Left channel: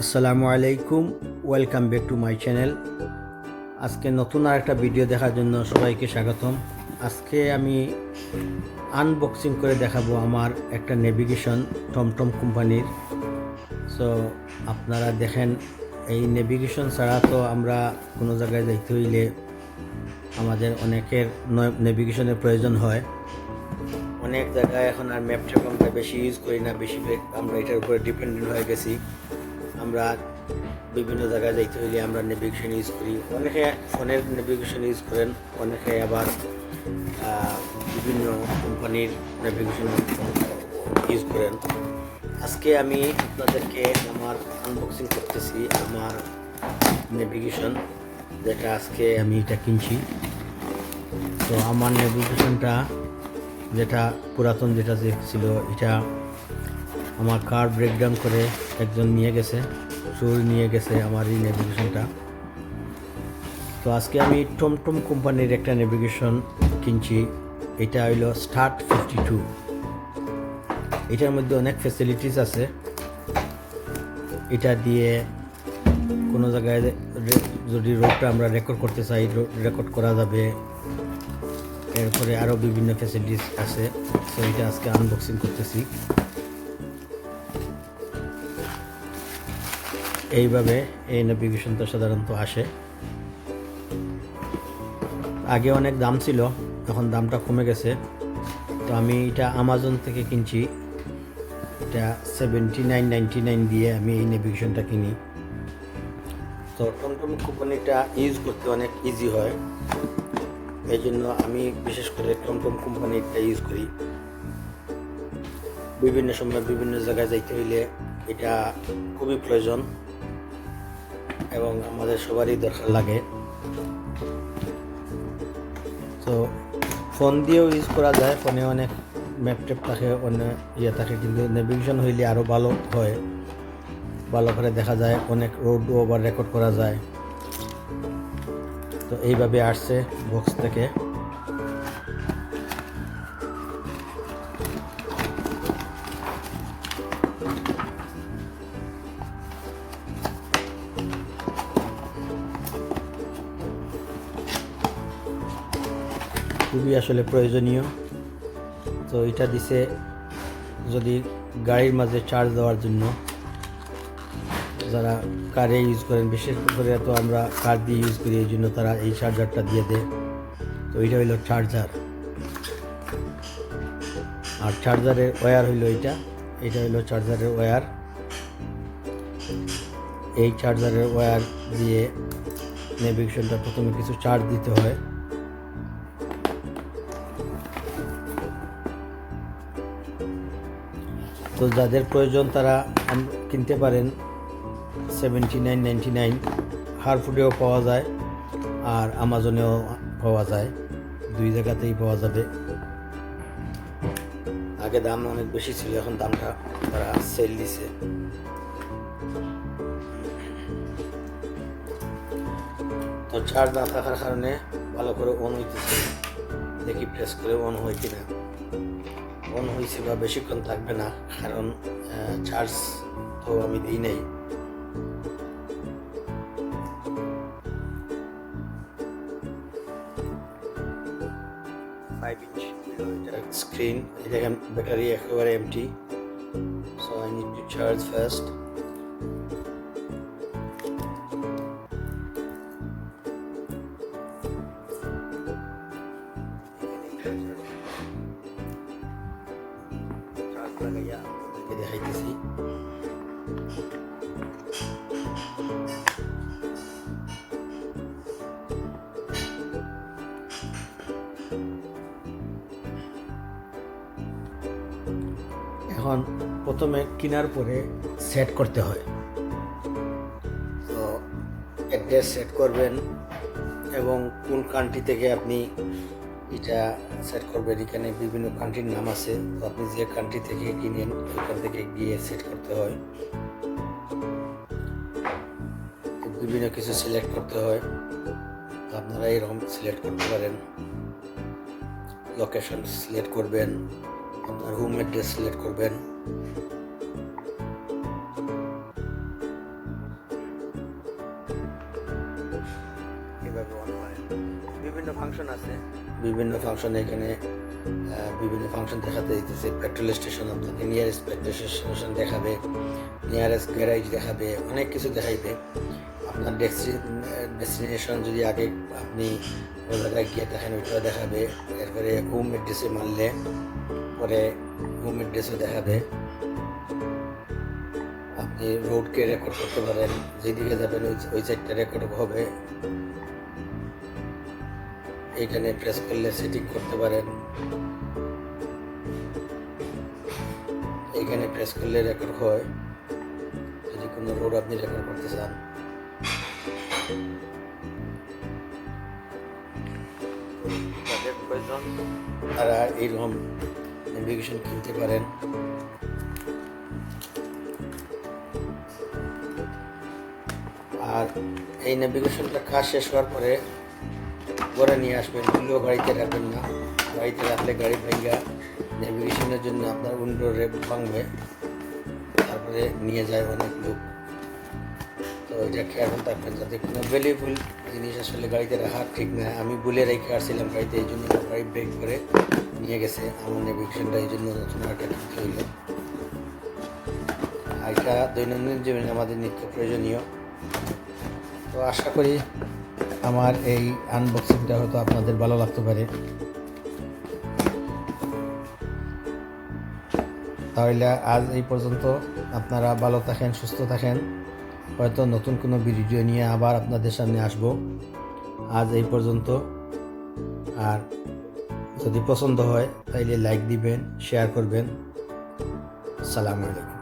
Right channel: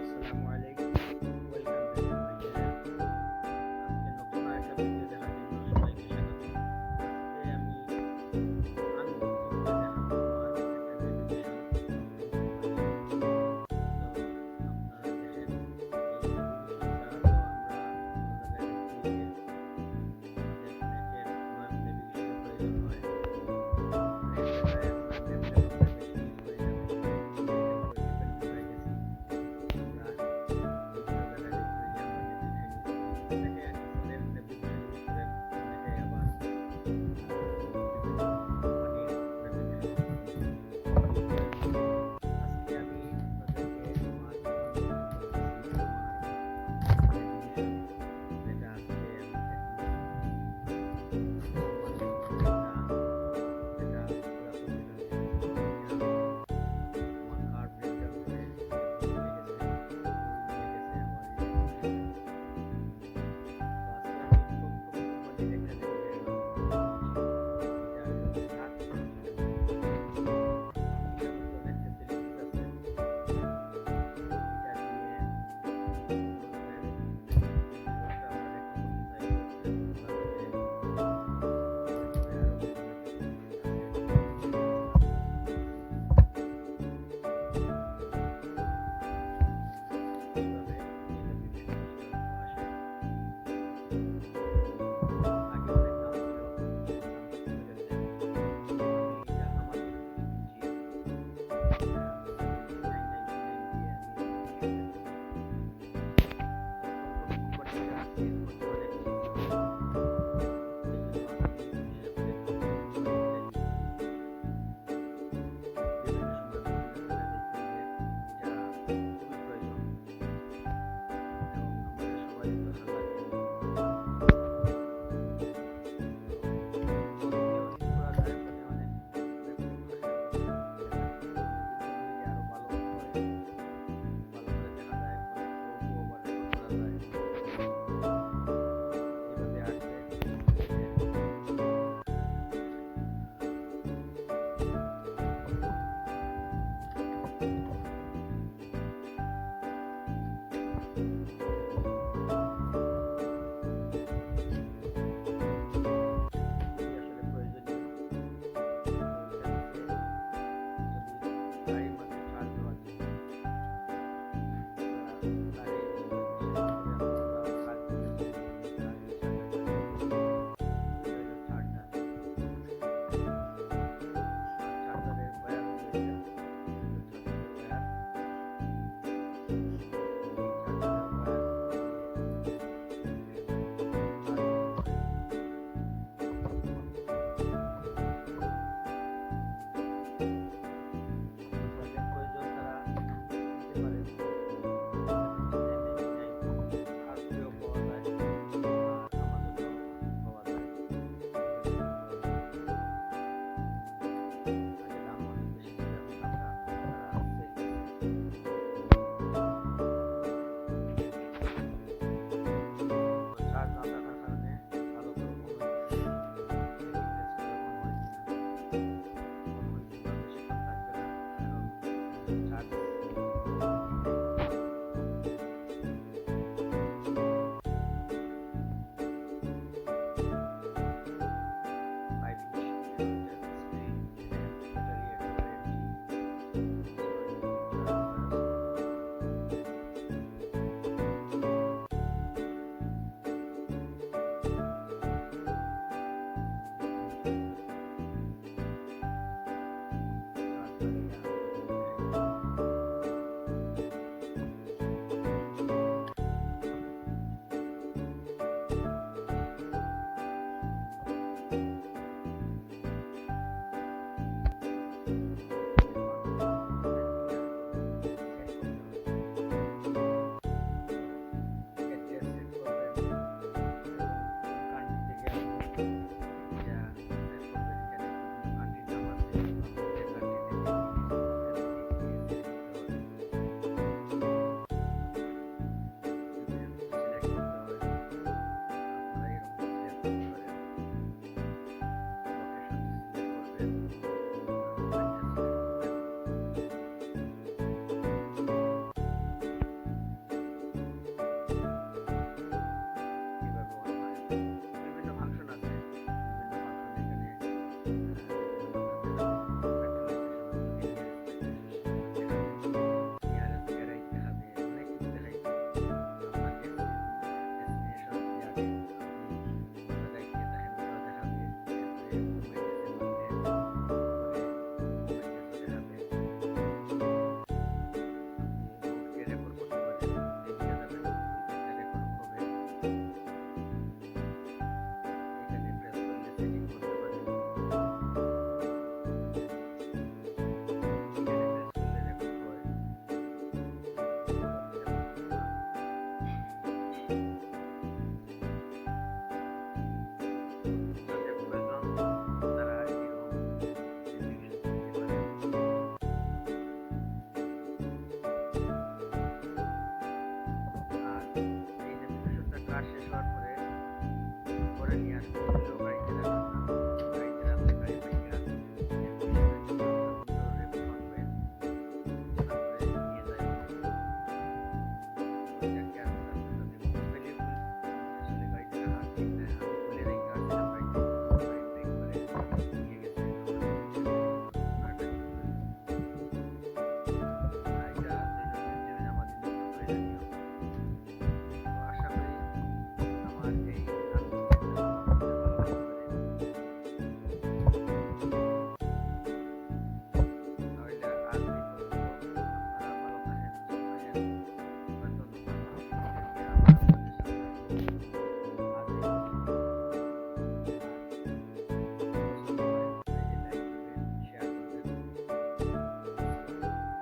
আসসালামু আলাইকুম, welcome back to my channel. আজকে নতুন আর একটা ভিডিও দেখার জন্য সবাইকে স্বাগতম। আজকে আমি আনবক্সিং করে দেখাবো আমার একটা নেভিগেশন টমটম কোম্পানির। সো আপনারা দেখেন, এই নেভিগেশন ছাড়া তো আমরা কোনো জায়গায় যাইতে হইলে আমাদের অনেকের নেভিগেশনের প্রয়োজন হয়। অনেক জায়গায় এখন আর ম্যাপ ট্যাপ আমরা বেশি ইউজ করি না, বেশিরভাগ আমরা এটার উপরে ডিপেন্ডেন্ট হয়ে গেছি। আমরা বিভিন্ন জায়গায় যাইতে হইলে আমরা নেভিগেশন ইউজ করি। অনেকে ফোনের নেভিগেশন ইউজ করেন, অনেকে আবার বিভিন্ন কোম্পানির নেভিগেশন ইউজ করেন। আজকে আমি আপনাদেরকে আমার আনবক্সিং করতেছি আমার নেভিগেশন, যেটা আজকে আমি এটা কিনছি। তো আমার নেভিগেশনটা যেটা পুরাতন যেটা ছিল, এটা আমার কার ব্রেকডাউন করে একজন নিয়ে গেছে, চোর নিয়ে গেছে আমার এই নেভিগেশনটা। তো আজকে আমি টমটম কোম্পানির একটা নেভিগেশন কিনছি। এটা হইল Start-52। এটার মধ্যে অনেক ফ্যাসিলিটিস আছে। এটা দিয়ে কোনো জায়গায় যদি রোডটা আমরা রেকর্ড করতে চাই, রেকর্ড করা যাবে। এরপরে আরও বিভিন্ন ফ্যাসিলিটিস আছে। তো এটা আজকে আনবক্সিং করতেছি। এইভাবে এই নেভিগেশনটা সাধারণত আসে। আগে অনেক দাম ছিল, এখন দামটা কমে গেছে। তো আমি এটা আমাজন থেকে কিনছি। এটা $79.99 দিয়ে আমি এই নেভিগেশনটা কিনি। তো টমটম কোম্পানিটা ইউজ করতে অনেক ইজি হয়, এই জন্য আমি বিশেষ করে টমটম কোম্পানিটা ইউজ করি। বিভিন্ন সময় বিভিন্ন জায়গায় যাইতে হইলে এটা খুবই প্রয়োজন এবং আমাদের সবারই দরকার লাগে। তো ফোন দিয়েও ইউজ করা যায়, ফোনে অনেক ম্যাপ ট্যাপ থাকে, অনেক থাকে, কিন্তু নেভিগেশন হইলে আরও ভালো হয়, ভালো করে দেখা যায়, অনেক রোডও আবার রেকর্ড করা যায়। তো এইভাবে আসছে বক্স থেকে। খুবই আসলে প্রয়োজনীয়। তো এটা দিছে যদি গাড়ির মাঝে চার্জ দেওয়ার জন্য, যারা কারে ইউজ করেন, বিশেষ করে তো আমরা কার দিয়ে ইউজ করি, এই জন্য তারা এই চার্জারটা দিয়ে দেয়। তো এইটা হইল চার্জার, আর চার্জারের ওয়্যার হইল এটা হইল চার্জারের ওয়্যার। এই চার্জারের ওয়্যার দিয়ে নেভিগেশনটা প্রথমে কিছু চার্জ দিতে হয়। তো যাদের প্রয়োজন তারা কিনতে পারেন। $79.99 হারফুডেও পাওয়া যায় আর আমাজনেও পাওয়া যায়, দুই জায়গাতেই পাওয়া যাবে। আগে দাম অনেক বেশি ছিল, এখন দামটা তারা সেল দিছে। তো চার্জ না থাকার কারণে ভালো করে অন হইতেছে, দেখি প্রেস করে অন হয় কিনা। অন হয়েছে বা বেশিক্ষণ থাকবে না, কারণ চার্জ তো আমি দিই নাই। স্ক্রিন, দেখেন ব্যাটারি একেবারে empty. So I need to charge first. Charge লাগাইয়া দেখাইতেছি। এখন প্রথমে কেনার পরে সেট করতে হয়। তো অ্যাড্রেস সেট করবেন এবং কোন কান্ট্রি থেকে আপনি এটা সেট করবেন। এখানে বিভিন্ন কান্ট্রির নাম আছে, তো আপনি যে কান্ট্রি থেকে কিনেন ওখান থেকে গিয়ে সেট করতে হয়। বিভিন্ন কিছু সিলেক্ট করতে হয়, আপনারা এরকম সিলেক্ট করতে পারেন। লোকেশন সিলেক্ট করবেন, আপনার হোম অ্যাড্রেস সিলেক্ট করবেন। ফাংশন আছে, বিভিন্ন ফাংশনে এখানে বিভিন্ন ফাংশন দেখাতে দিতেছে। পেট্রোল স্টেশন আপনাকে নিয়ারেস্ট পেট্রোল স্টেশন দেখাবে, নিয়ারেস্ট গ্যারেজ দেখাবে, অনেক কিছু দেখাইবে। আপনার ডেস্টিনেশন যদি আগে আপনি কোনো জায়গায় গিয়ে দেখেন ওইটাও দেখাবে। এরপরে হোম অ্যাড্রেসে মারলে পরে হোম অ্যাড্রেসও দেখাবে। আপনি রোডকে রেকর্ড করতে পারেন, যেদিকে যাবেন ওই সাইডটা রেকর্ড হবে। এখানে প্রেস করলে সেটিং করতে পারেন, এখানে প্রেস করলে রেকর্ড হয় যদি কোনো রোড আপনি রেকর্ড করতে চান। তারা এইরকম নেভিগেশন কিনতে পারেন। আর এই নেভিগেশনটা কাজ শেষ হওয়ার পরে ঘরে নিয়ে আসবেন, ভুলেও গাড়িতে রাখবেন না। গাড়িতে রাখলে গাড়ি ভেঙে নেভিগেশনের জন্য আপনার উইন্ডো রেপ ভাঙবে, তারপরে নিয়ে যায় অনেক লোক। তো এটা খেয়াল রাখবেন যাতে কোনো ভ্যালুয়েবল জিনিস আসলে গাড়িতে রাখা ঠিক না। আমি বলে রেখে আসছিলাম গাড়িতে, এই জন্য গাড়ি ব্রেক করে নিয়ে গেছে। আমার নেভিগেশনটা এই জন্য নতুন একটা কিনতে হইল। এটা দৈনন্দিন জীবনে আমাদের নিত্য প্রয়োজনীয়। তো আশা করি আমার এই আনবক্সিংটা হয়তো আপনাদের ভালো লাগতে পারে। তাহলে আজ এই পর্যন্ত। আপনারা ভালো থাকেন, সুস্থ থাকেন। হয়তো নতুন কোনো ভিডিও নিয়ে আবার আপনাদের সামনে আসব। আজ এই পর্যন্ত। আর যদি পছন্দ হয় তাইলে লাইক দিবেন, শেয়ার করবেন। আসসালামু আলাইকুম।